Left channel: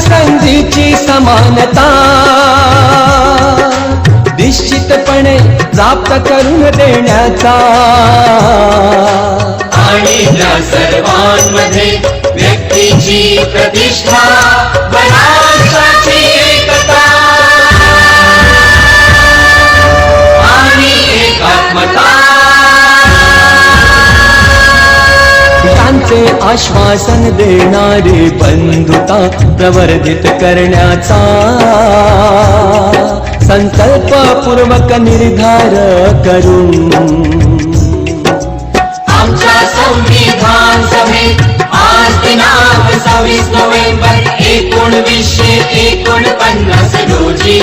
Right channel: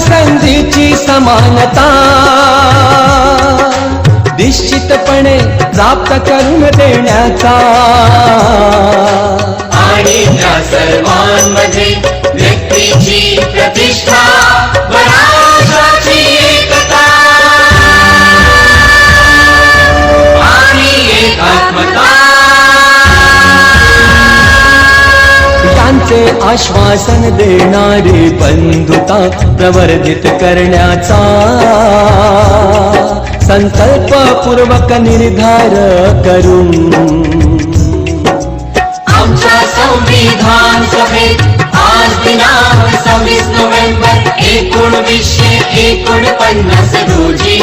संधीची समानता. निश्चितपणे प्राप्त करून देण्याचा. आणि त्या सर्व आशांचे आश्वासन देणारी बंधुता प्रवर्धित करण्याचा संकल्पपूर्वक निर्धार करून. आमच्या संविधान आज दिनांक सव्वीस नोव्हेंबर एकोणवीसशे एकोणपन्नास रोजी